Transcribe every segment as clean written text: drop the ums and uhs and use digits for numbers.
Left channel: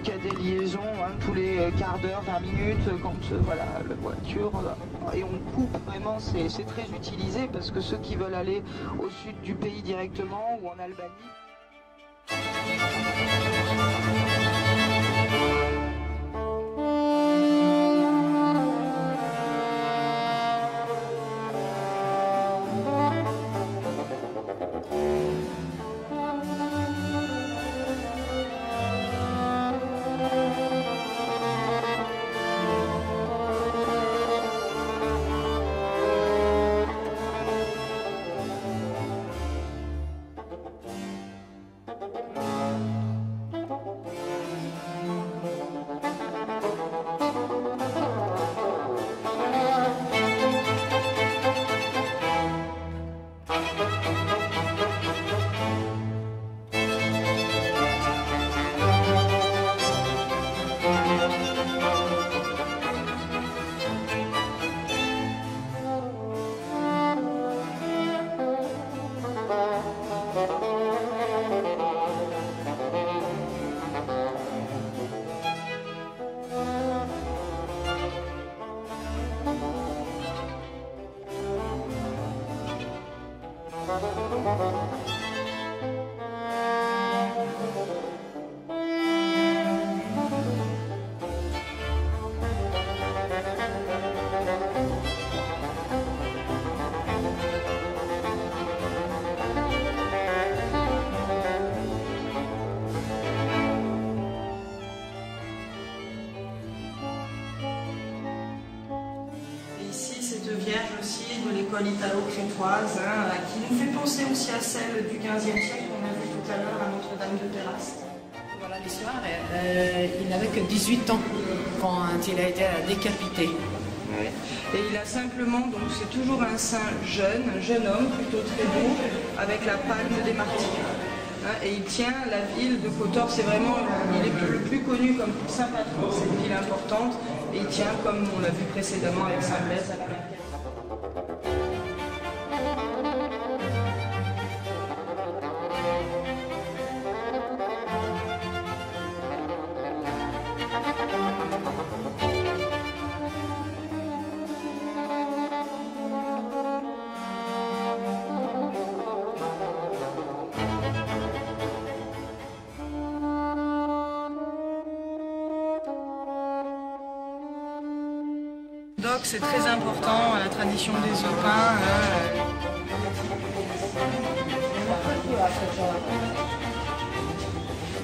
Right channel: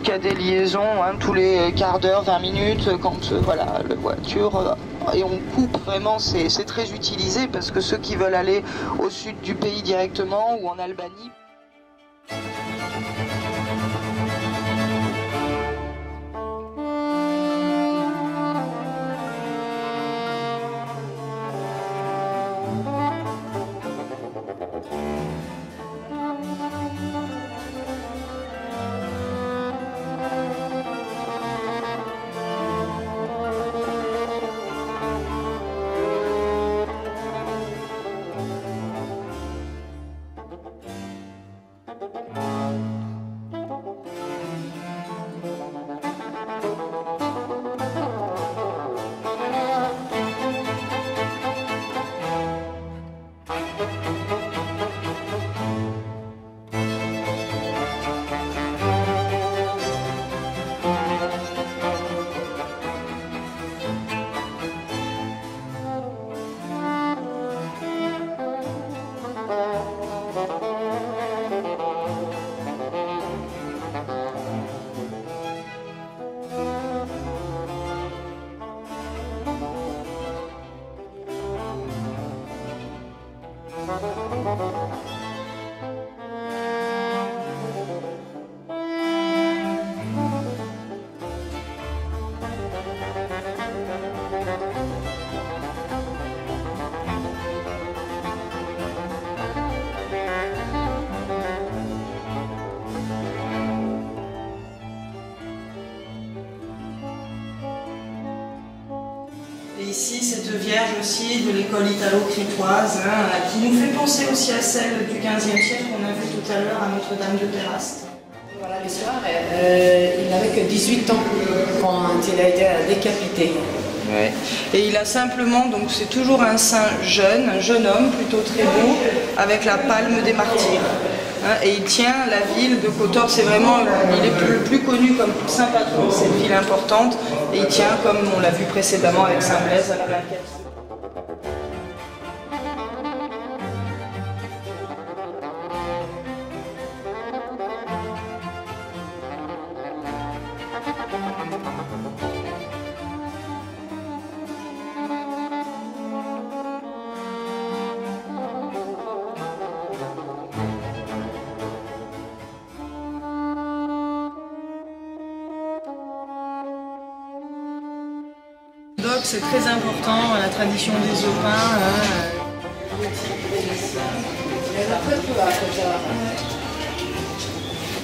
donc il y a des liaisons tous les quarts d'heure, 20 minutes, quand voilà, la voiture, et on coupe vraiment, c'est très utilisé parce que ceux qui veulent aller au sud du pays directement ou en Albanie. Ici, cette Vierge aussi de l'école italo-crétoise, qui nous fait penser aussi à celle du XVe siècle qu'on a vu tout à l'heure à Notre-Dame de Terrasse. Voilà l'histoire, il n'avait que 18 ans quand il a été décapité. Ouais. Et il a simplement, donc c'est toujours un saint jeune, un jeune homme plutôt très beau, avec la palme des martyrs. Et il tient la ville de Kotor, c'est vraiment, il est le plus connu comme saint patron de cette ville importante, et il tient, comme on l'a vu précédemment avec Saint Blaise, à la plaquette. C'est très important, la tradition des œufs-pains.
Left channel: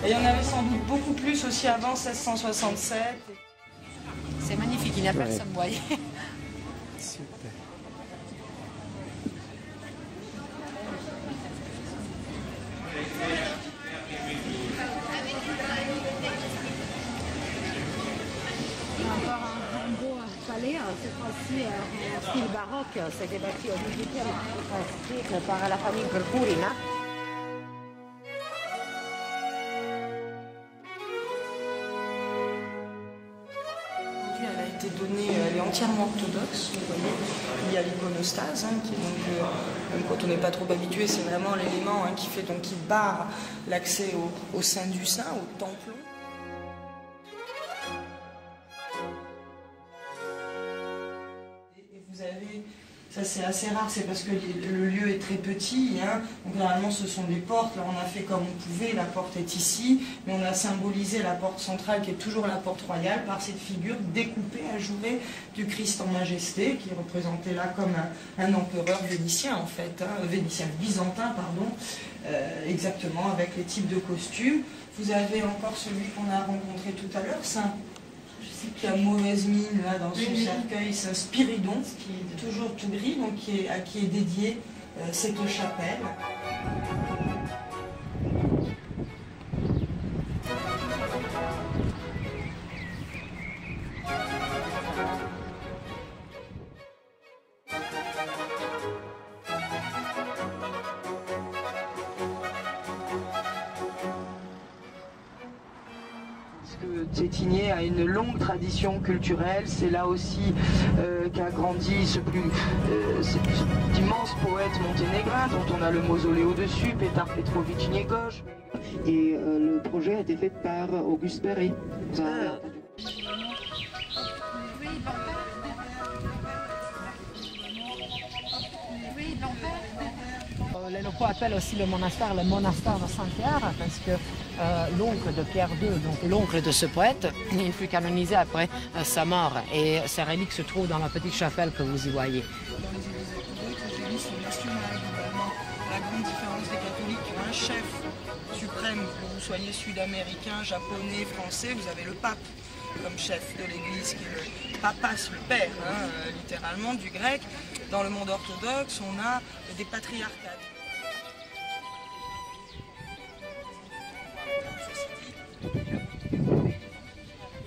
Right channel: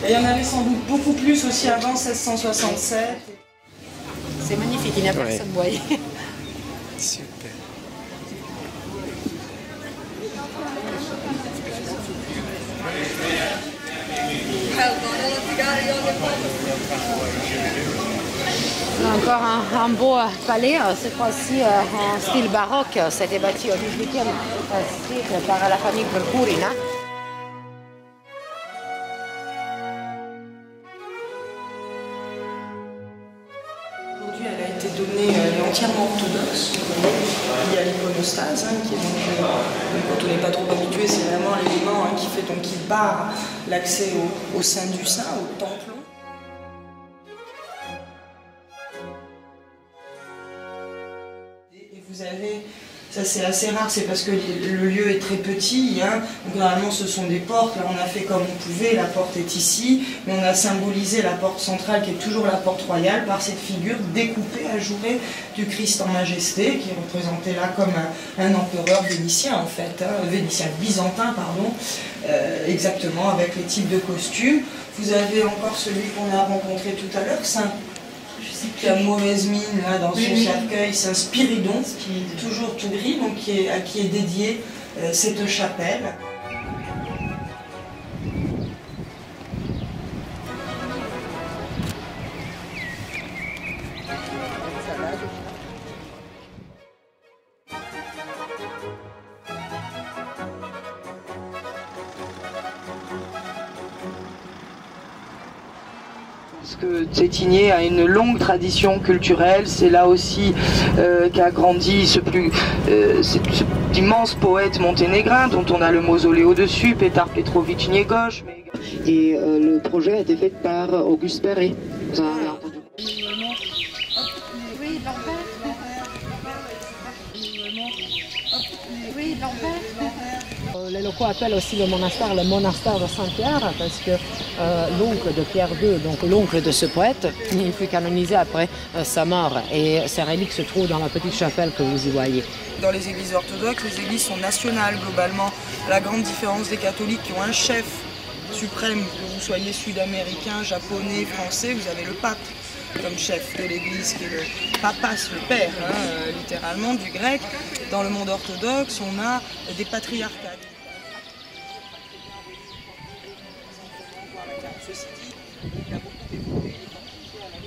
Et il y en avait sans doute beaucoup plus aussi avant 1667. C'est magnifique, il n'y a personne, vous voyez. Super. Encore un beau palais, cette fois-ci en style baroque. C'était bâti au XVIIIe siècle par la famille de Curina. Aujourd'hui, elle a été donnée, elle est entièrement orthodoxe. Il y a l'iconostase, qui est donc quand on n'est pas trop habitué, c'est vraiment l'élément qui barre l'accès au sein du saint, au templon. Vous avez, ça c'est assez rare, c'est parce que le lieu est très petit, donc normalement ce sont des portes, là on a fait comme on pouvait, la porte est ici, mais on a symbolisé la porte centrale qui est toujours la porte royale par cette figure découpée, ajourée du Christ en majesté, qui est représenté là comme un empereur vénitien en fait, vénitien byzantin pardon, exactement avec les types de costumes. Vous avez encore celui qu'on a rencontré tout à l'heure, Saint qui a mauvaise mine là dans son cercueil, c'est un Spiridon, toujours tout gris, donc à qui est dédiée cette chapelle. Parce que Cetinje a une longue tradition culturelle, c'est là aussi qu'a grandi cet immense poète monténégrin dont on a le mausolée au-dessus, Petar Petrović Njegoš. Et le projet a été fait par Auguste Perret. Vous en avez entendu? Oui, Lambert. Oui, Lambert. Les locaux appellent aussi le monastère de Saint-Pierre parce que l'oncle de Pierre II, donc l'oncle de ce poète, il fut canonisé après sa mort et ses reliques se trouvent dans la petite chapelle que vous y voyez. Dans les églises orthodoxes, les églises sont nationales globalement. La grande différence des catholiques qui ont un chef suprême, que vous soyez sud-américain, japonais, français, vous avez le pape comme chef de l'église qui est le papas, le père, littéralement du grec. Dans le monde orthodoxe, on a des patriarcats.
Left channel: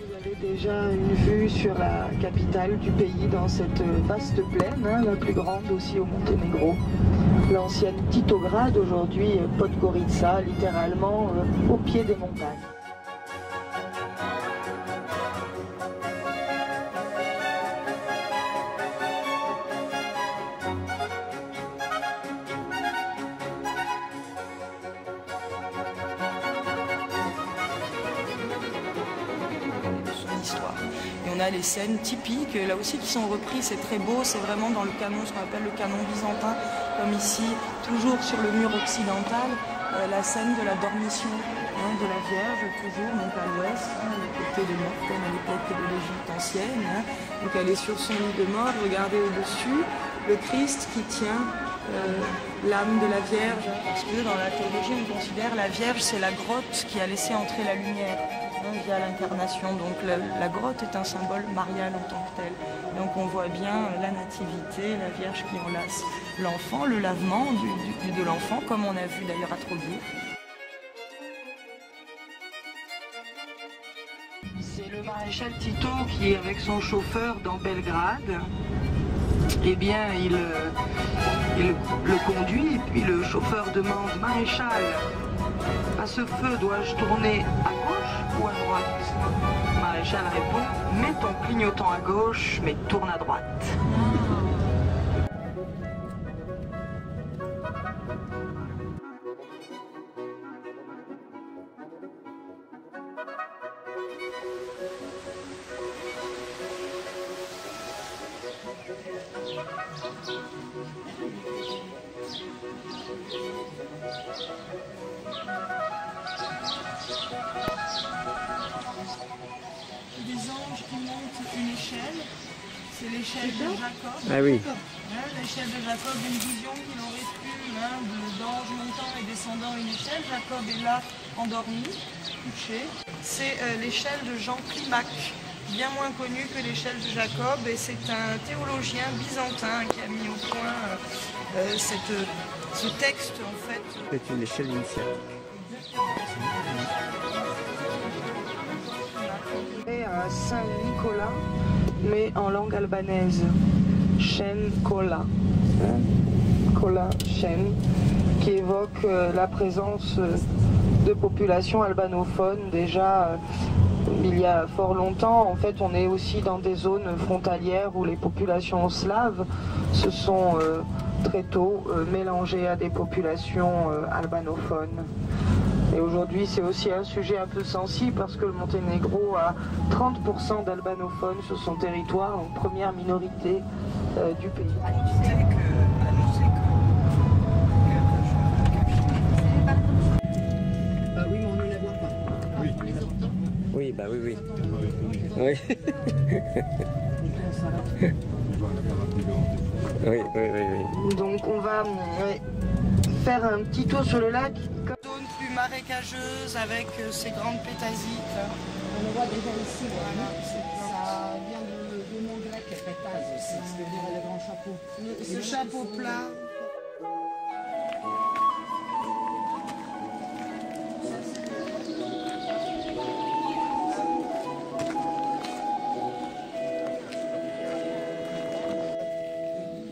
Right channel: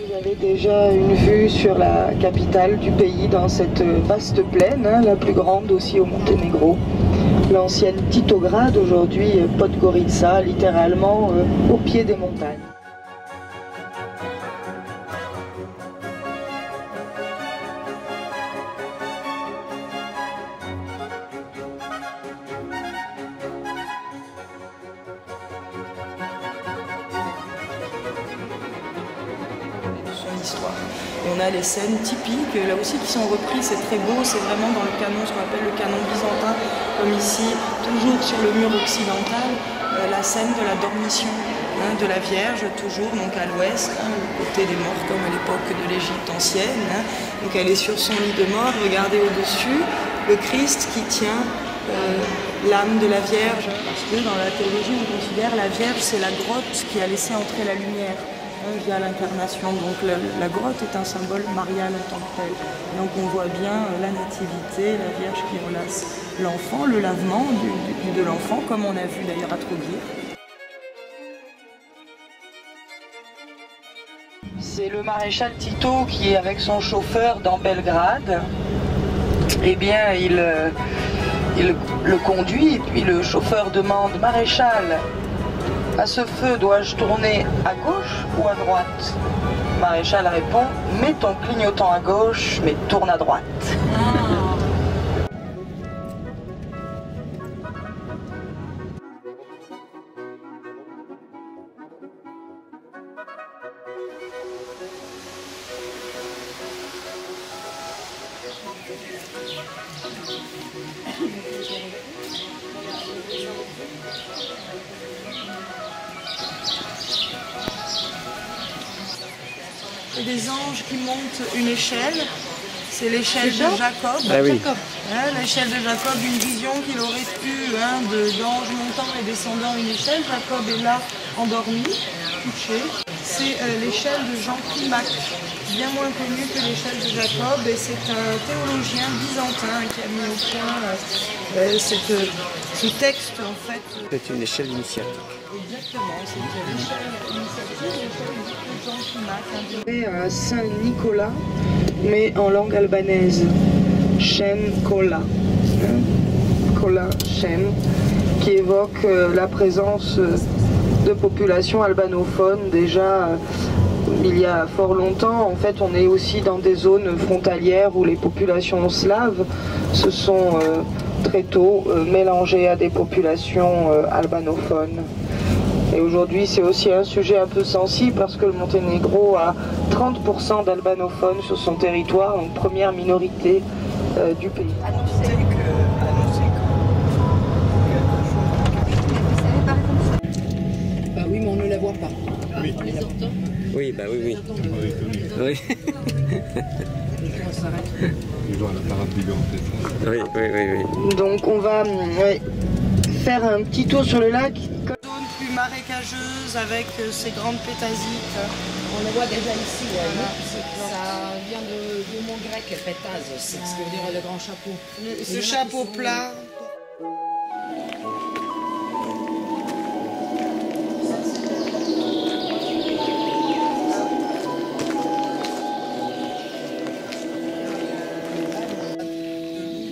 Vous avez déjà une vue sur la capitale du pays dans cette vaste plaine, la plus grande aussi au Monténégro. L'ancienne Titograd, aujourd'hui Podgorica, littéralement au pied des montagnes. Histoire. Et on a les scènes typiques, là aussi qui sont reprises, c'est très beau, c'est vraiment dans le canon, ce qu'on appelle le canon byzantin, comme ici, toujours sur le mur occidental, la scène de la dormition de la Vierge, toujours donc à l'ouest, au côté des morts comme à l'époque de l'Égypte ancienne. Donc elle est sur son lit de mort, regardez au-dessus, le Christ qui tient l'âme de la Vierge, parce que dans la théologie on considère la Vierge c'est la grotte qui a laissé entrer la lumière. Via l'incarnation. Donc la grotte est un symbole marial en tant que tel. Donc on voit bien la nativité, la Vierge qui enlace l'enfant, le lavement de l'enfant, comme on a vu d'ailleurs à Troguir. C'est le maréchal Tito qui est avec son chauffeur dans Belgrade. Eh bien, il le conduit et puis le chauffeur demande « Maréchal, à ce feu, dois-je tourner à gauche ou à droite ?» Maréchal répond « Mets ton clignotant à gauche, mais tourne à droite. » Et des anges qui montent une échelle, c'est l'échelle de Jacob. Ah oui. L'échelle de Jacob, une vision qu'il aurait eue d'anges montant et descendant une échelle. Jacob est là, endormi, couché. C'est l'échelle de Jean Climac, bien moins connu que l'échelle de Jacob. Et c'est un théologien byzantin qui a mis au point ce texte en fait. C'est une échelle initiale. Exactement, c'est l'échelle initiatique, l'échelle de Jean Climac. Saint-Nicolas, mais en langue albanaise. Shen Kola. Kola, Shen, qui évoque la présence de populations albanophones déjà il y a fort longtemps. En fait, on est aussi dans des zones frontalières où les populations slaves se sont très tôt mélangées à des populations albanophones. Et aujourd'hui, c'est aussi un sujet un peu sensible parce que le Monténégro a 30% d'albanophones sur son territoire, donc première minorité du pays. Ah oui, mais on ne les voit pas. Oui. On les entend. Oui, bah oui, oui. Oui. Oui, oui, oui, oui. Donc on va faire un petit tour sur le lac. Zone plus marécageuse avec ces grandes pétasites. On les voit déjà ici, ouais. Voilà, Ça vient du mot grec pétase, c'est ce que veut dire le grand chapeau. Ce chapeau plat.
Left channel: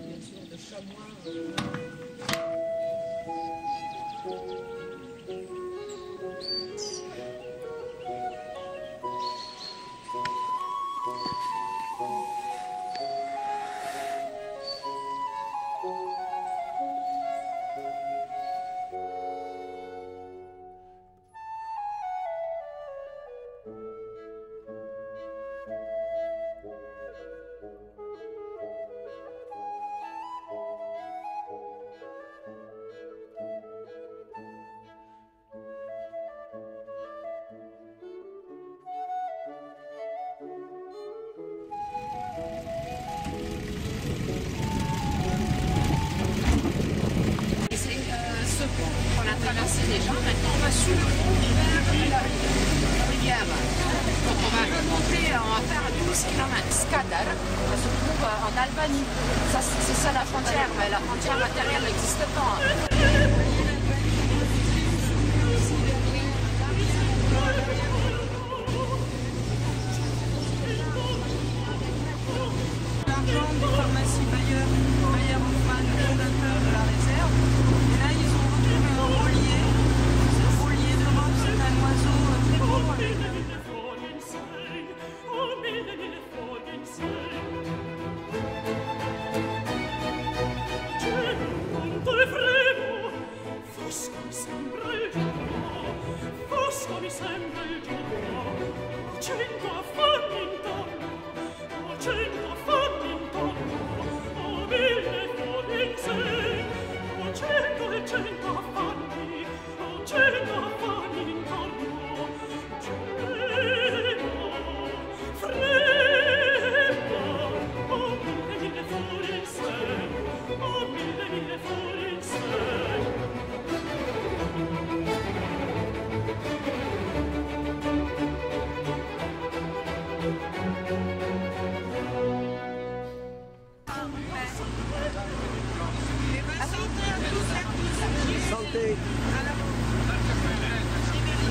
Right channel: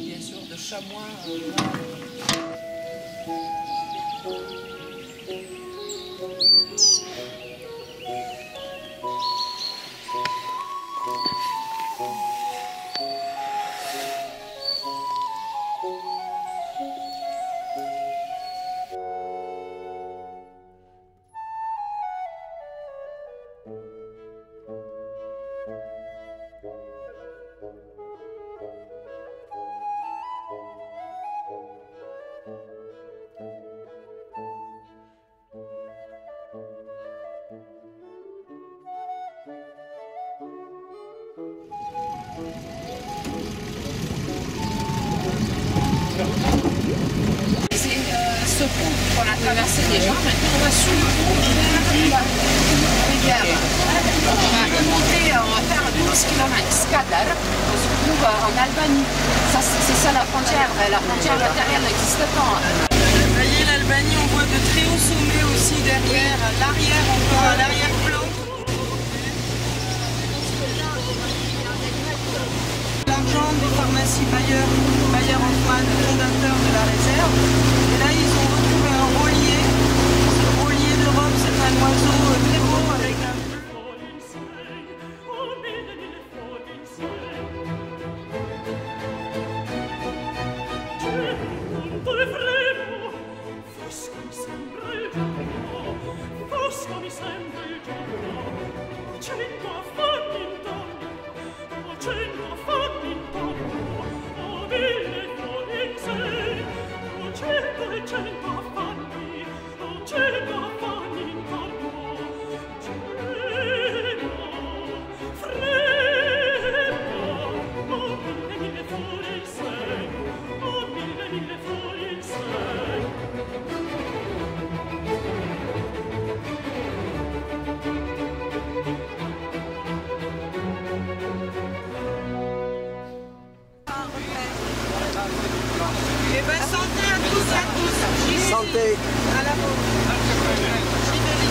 Bien sûr, de chamois. ce pont qu'on a traversé déjà. Maintenant, on va sous le pont vers la rivière. Donc, on va remonter, on va faire 12 km. Skadar, on se trouve en Albanie. C'est ça la frontière. La frontière matérielle n'existe pas. Vous voyez l'Albanie, on voit de très hauts sommets aussi derrière, à l'arrière encore, à l'arrière-plan. L'argent des pharmacies Bayer-Hoffmann, fondateur de la réserve. Et là, ils ont retrouvé un rôlier. Ce rôlier d'Europe, c'est un oiseau très beau avec un... Mi sembra il giorno, cento affanni intorno, cento affanni intorno, mille fuori in sé, cento e cento affanni, cento affanni intorno, Genoa, frema, mille fuori in sé, mille fuori in sé. Eh ben, santé à tous, à tous. Santé. À la vôtre. Chibéli.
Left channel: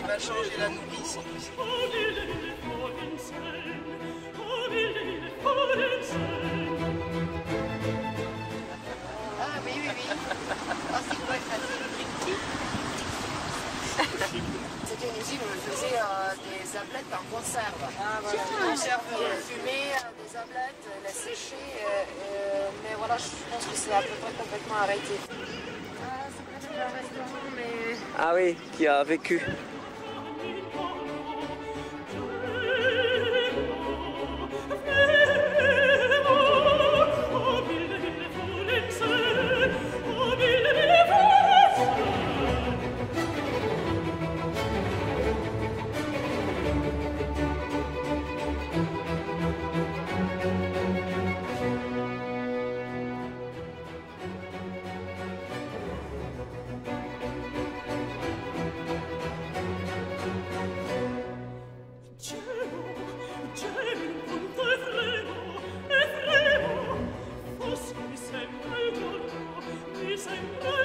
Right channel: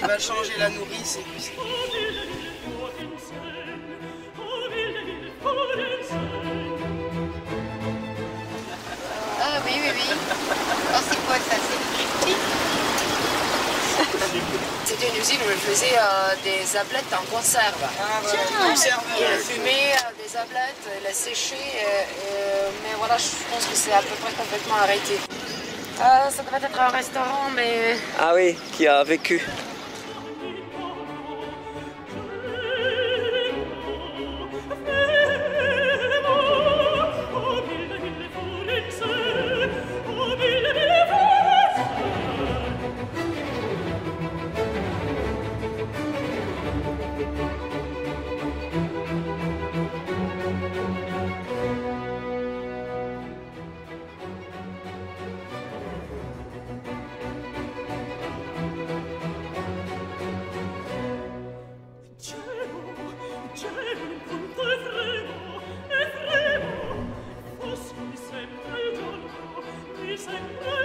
Il va changer la nourrice. Ah oui, oui, oui. Oh, c'est quoi ça? C'est une C'était une usine où ils faisaient des ablettes en conserve. Ah, voilà. Ils fumaient des ablettes, les séchaient, mais voilà, je pense que c'est à peu près complètement arrêté. Ça devrait être un restaurant, mais... Ah oui, qui a vécu. Mi sembra